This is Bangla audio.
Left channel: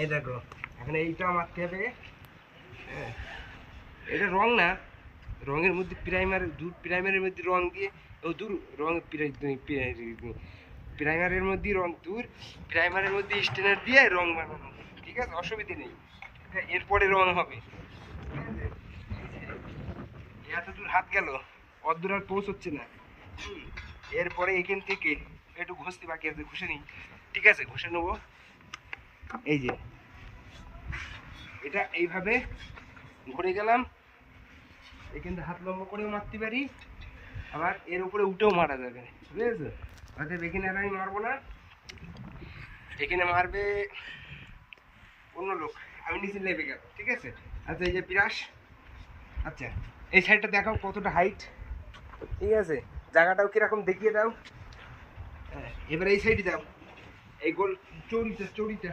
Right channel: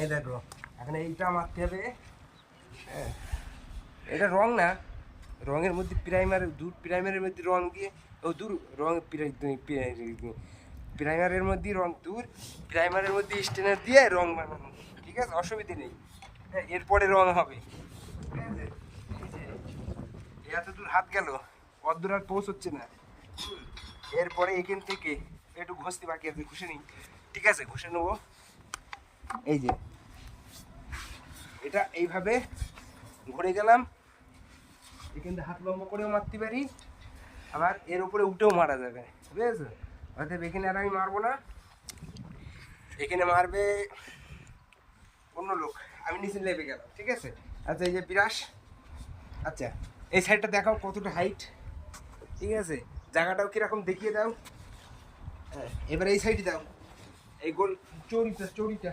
এই দেখো এখন এইটা মারতে হবে। হ্যাঁ, এটা রং না, রঙের মধ্যে প্রাইমার দূর, প্রাইমারের মধ্যে রং দিয়ে ও দূর রং প্রাইমারের মধ্যে রং দূর, প্রাইমারের মধ্যে স্টেনার দিয়ে রং বানানো, ঠিক আছে, অসুবিধে নেই। হ্যাঁ, এরপরে রং হবে, ঠিক আছে। এত দূর হাত গেল, অত দূর আর পৌঁছচ্ছে না। এরপরে এখান থেকে একটু ঘষতে বাকি আছে, ঘষে নিই, ঠিক আছে, ঘষে নেবো। এই যে এটা এইভাবে ঘুরে গেলাম, এখান থেকে হাত লম্বা করেও মারতে পারি, আবার এর উপরে উঠেও মারা যাবে, বুঝেছো। অর্থাৎ এখানে আর আমি মারবো না, এখানে মারবে অন্য লোক, আমি নিচে নেমে গেলাম, ঠিক আছে। আচ্ছা এই যে পিরাস, আচ্ছা এই সাইডটা দেখাও কতটা হাইট, ঠিক আছে, জায়গাটাও কিরকম দেখিয়ে দাও। হ্যাঁ, এবার এই সাইডে দাও, এই গোল চৌড়িটা চৌড়িটা